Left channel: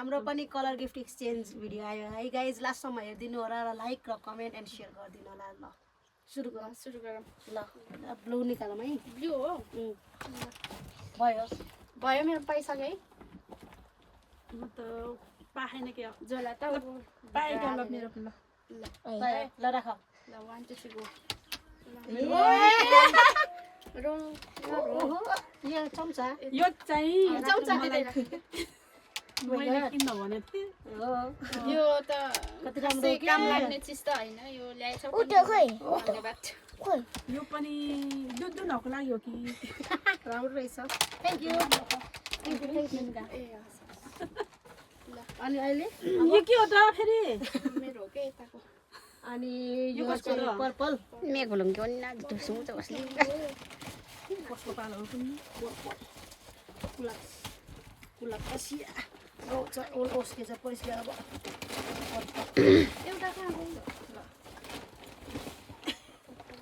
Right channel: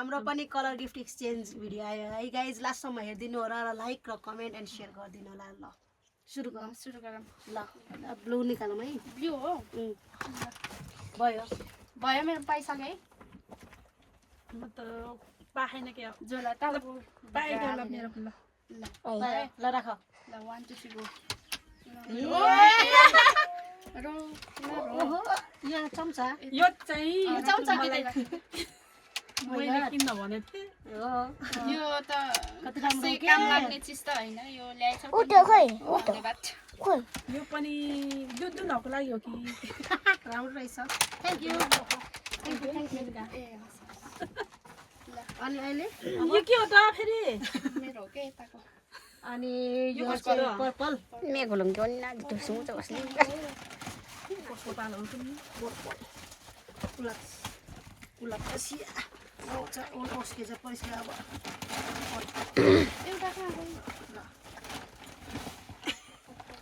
हाम्रो पनि colour gift exchange video आयो है गाइज लास्टसम्म हेरिदिनु होला र लाइक र कमेन्ट एन्ड सेयर गरिदिनु होला ल सुरु गरौँ ल ब्लू निकालौँ है ब्लू हो भयो भयो मेरो पाइसक्यो है म त पाएन के हो जला त पाएको ल मेरो ल ल राख ल 1 2 3 गो यो चम्चा यो चाहिँ चम्चा दिँदैन मैले किन्न भनेको थिएँ यो त कति राम्रो खासै काम लाग्ने चिज त हैन यो ल्याएछौ धन्यवाद यो पनि दुधुनको लागि हो कि राम्रो रहेछ थ्याङ्क यू अनि अहिले यो के हो त फेरि मेरो हो के यताको अनि यो चाहिँ पर्पल कस्तो पाल हुन्छ नि गुलाब कसिया आउँछ ओस्के चाहिँ पैसा अब एउटा कहाँ गयो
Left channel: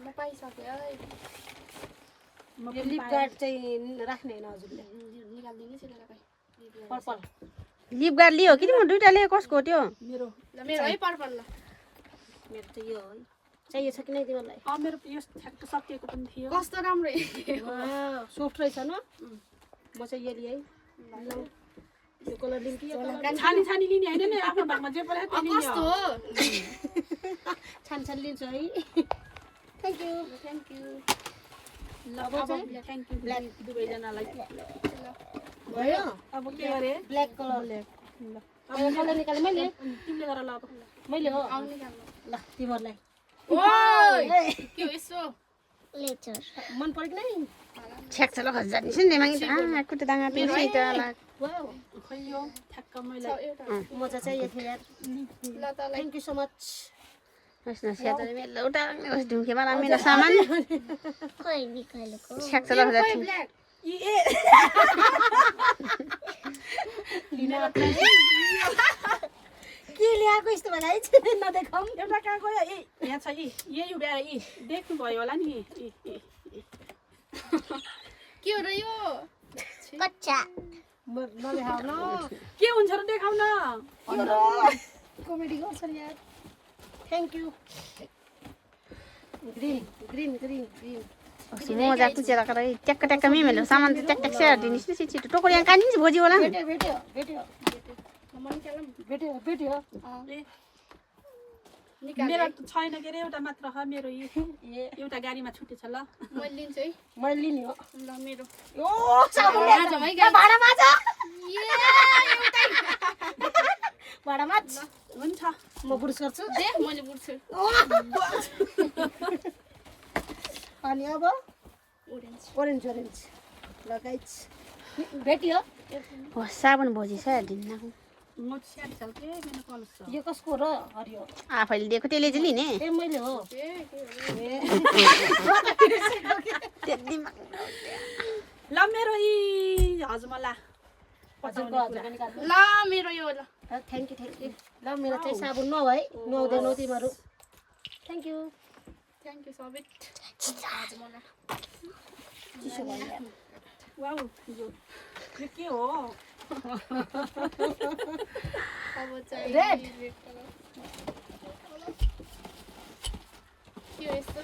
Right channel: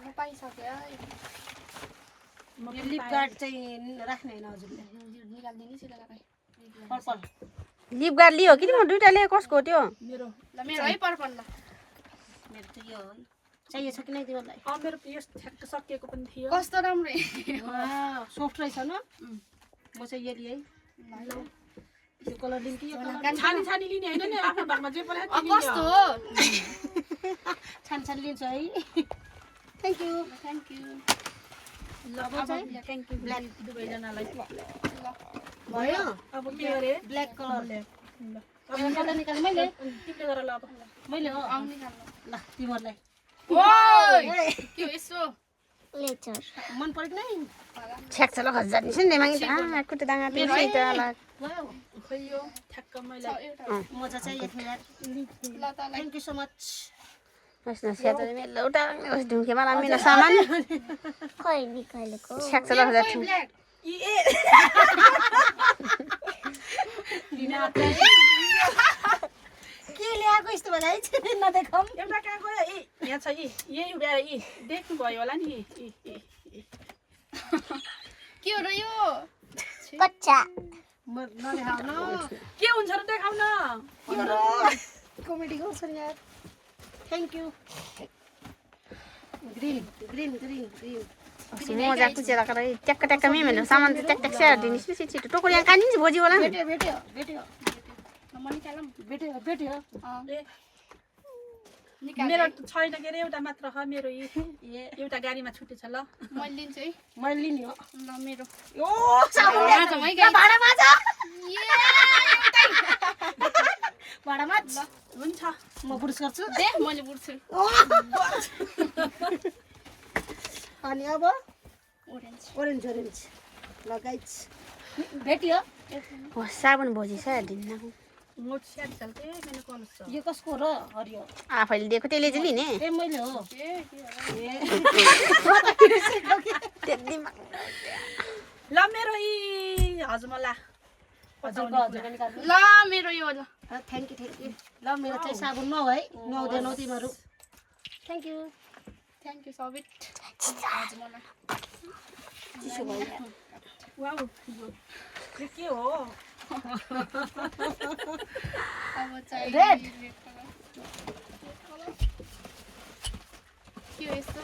म पाइसक्यो है यो लिप गार्ड चाहिँ राख्ने होइन हजुरले निकाल्दिनु सिधा लगाइ पर्पल लिप गार्ड लियो कि म दुईटा लिएँ कसको त्यो मेरो ल मेरो है पर्पल ल मेरो त यो है चाहिएको छ कि नै तिमीलाई मेरो यो ठ्याक्क सकिएको पनि थियो कस्तो राम्रो सफ्ट रहेछ न म चाहिँ यो लिएँ यो कलर लिउँ कि यो कलर छानी छानी लिने होइन नि आफ्नो भागमा जे पऱ्यो त्यो लिने कस्तो हो। हो छान छान लिन्छ है थ्याङ्क यू थ्याङ्क यू ल अब चाहिँ थ्याङ्क यू ब्ल्याक दुवैजनालाई भयो अब के अरे ब्ल्याक कलर ल मैले निकालेँ मैले तिमीले गर ल अब मैले हो आउनु जानु ल तिमीहरूलाई ओइ के हो यसो मन पऱ्यो कि नै छ्याक्छ ल हजार नि सुन्दै मागि त कुटे दाङा त्यो सिटाला वाउ खै यो ठ्याक्क मैले एउटा मजा चाहिँ यो यार ल त ल थ्याङ्क यू सो मच नस् नस्या त मेरो उता ढुङ्खेमा ला मेरो सामान छ्याक्छ ल हजार ब्ल्याक के ल्याएको यस्तो भएर नदेखाउँ एउटा कहाँ गयो यहाँ छ यही उभ्याएर देख्नु भयो होला नि के हो र यो नदेखाउ न के हुन्छ र देखाउ न कमेडी गर्छ नि यार thank you green green green green मजा कुचेर कर ट्याक्क ट्याक्क मेरो सामान चाहिँ ट्याक ट्याक स्याहार दिनु छिटो छिटो टोकरी यहाँ काटिन्छ भोजि होला नि भेट्यो भेट्यो भेट्यो भेट्यो भेट्यो मेरो छैन के अरे एउटा मात्र हो मेरो एउटा गाडीमा छुटेछ ल मैले लिन्छु है मैले लिने हो ल मेरो ओ साबुन माझौँ है गाइस भाडा माझ ए भाडा माझ हुन्छ म पुरुष गर्छु दे मैले बुझ्छु अनि अब ओरेन्ज ओरेन्ज ओरेन्ज लगाइछ भेट्यो हो साबुन भोजि स्याहार दिनु म स्याहार चल्के मेरो कलस छ यो कसको र हरियो आफैले दिएको त्यसले चाहिँ लिने ए मैले हो त्यति ल मेरो हजमला हजुरको हजुरको निकाल्नु ल मेरो यो ल थ्याङ्क यू ल मेरो चाहिँ साबुन नौ है नुहाउँदैनौ तिमीहरू थ्याङ्क यू सबिट मलाई चिसो भयो यार वाउ यो के हो अब चाहिँ Red. के हो यस्तो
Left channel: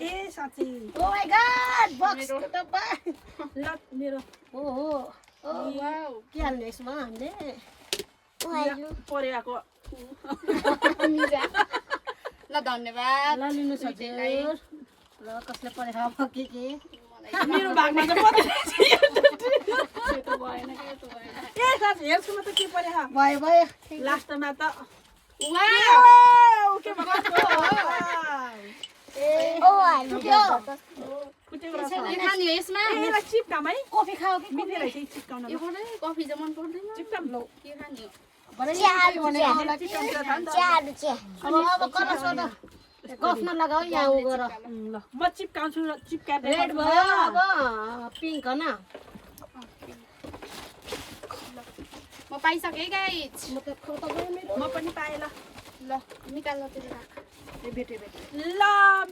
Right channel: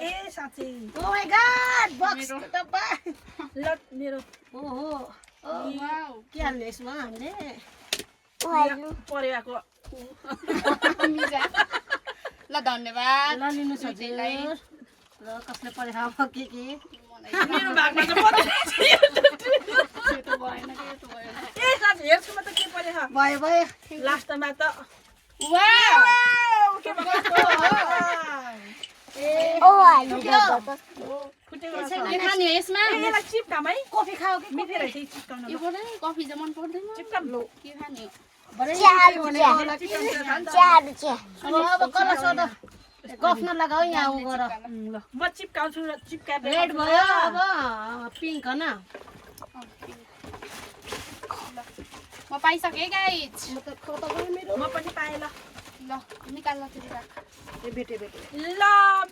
ए साँच्चै ओ माय गॉड बक्स मेरो। डब्बा ल मेरो ओहो वाउ के हाल्ने यसमा हामीले परेको मिजा ल धन्यवाद ल लिनु छ हजुर र कसले परे अब के मेरो भागमा त पर्दैन त्यो त भएन के त भएन ए साँच्चै हेर्छुमा त के परे हा भयो भयो लास्टमा त वाउ के भएको फुटेको रहेछ। के खाने हो यसमा यसलाई चिप्काम है कफी खाऊ कि मिल्ने रहेछ यी चिप्काउन यो पनि कफी चाहिँ मन पर्दैन चिप्काम लो के खाने भरे अब कर सोध गफ नलगाऊ यहाँ उ गर ल म चिप्काउँछु र चिप्काएर रेड भयो अब पिङ्क हैन म पाइसकेँ गाइज म त खतम भयो मेरो म पनि पाएँ ल ल निकाल्न त्यो राख ए भेटे भेटे ल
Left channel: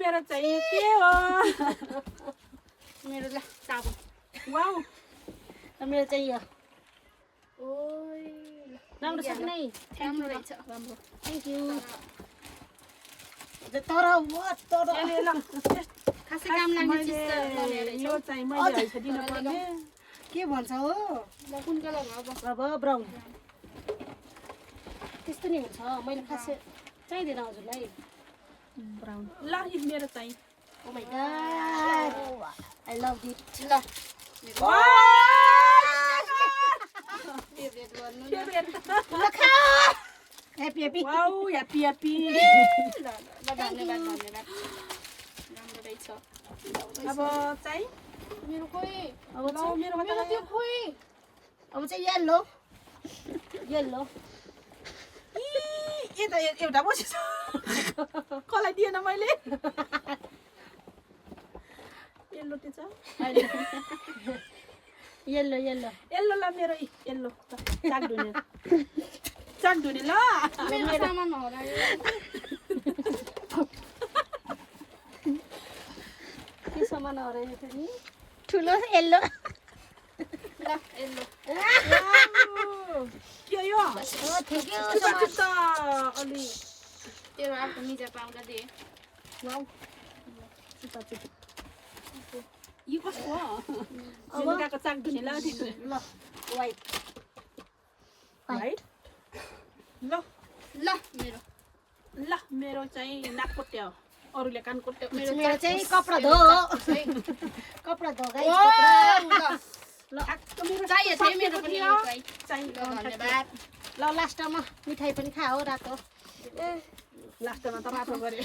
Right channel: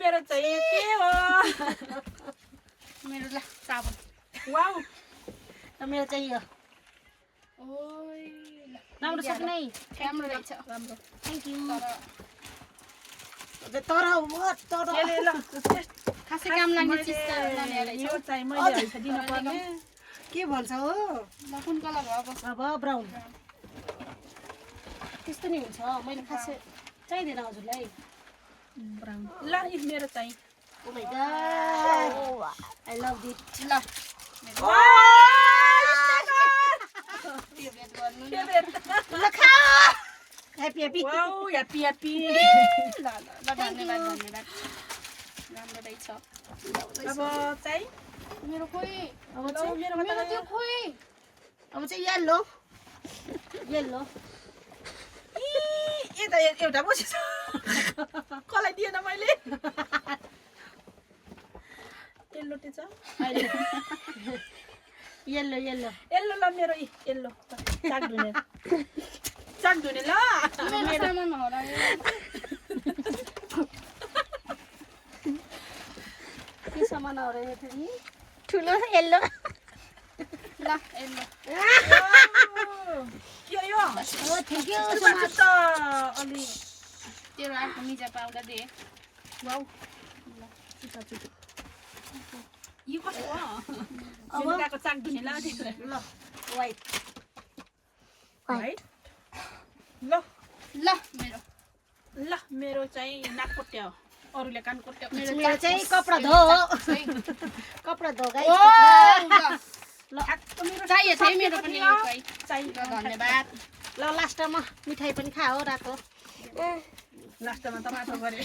मेरो चाहिँ के हो मेरो ल साबुन वाउ मेरो चाहिँ यो ओइ ल राम्रो छ कि नै राम्रो रहेछ राम्रो थ्याङ्क यू तर खासै काम लाग्ने चिज त नल्याएर यो चाहिँ मैले हैछ दिन पर्ने के भन्छ हो ल कुन कलर हो अब अब ब्राउन त्यस्तो नि हुन्छ मैले खासै चाहिँदैन हजुरलाई ब्राउन ल यो मेरो चाहिँ oh my god I love it ल फेभरेट गर्नु न happy happy wow happy happy ल धन्यवाद धन्यवाद राम्रो रहेछ अब चाहिँ मेरो खोइ अब ल मेरो मेरो त्यो खोइ अब चाहिँ येल्लो येल्लो ए त एउटा बसेछ कसलाई दिएन मैले येल्लो त्यो छ येल्लो येल्लो येल्लो ल मेरो येल्लो चाक धुने ल मेरो सामान हरायो के सामान हरायो थियो नि ठुलो येल्लो ल यल्लो के यो अब ठिकै हो सुपारी त अलि त्यो अर्को मिजा पाउडर दिए वाउ यो कस्तो हो अब लुगाको चाक धुने ल ल वाइट राइट ल ल मेरो चाहिँ नाक कोट्या हो अरूले कान कोट्या मेरो चाहिँ कपडा धो कपडा धो गाइस ल चाहियो थियो मेरो पनि चाहिँ धन्यवाद ल लास्टमा मिठाई पनि खाओ रातो लास्टमा त माथो गरे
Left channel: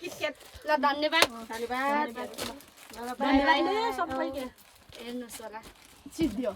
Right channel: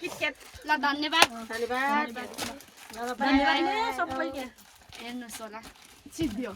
किटक्याट ल धन्यवाद धन्यवाद धन्यवाद सबैले हेर्नुहोस् होला सिद्धियो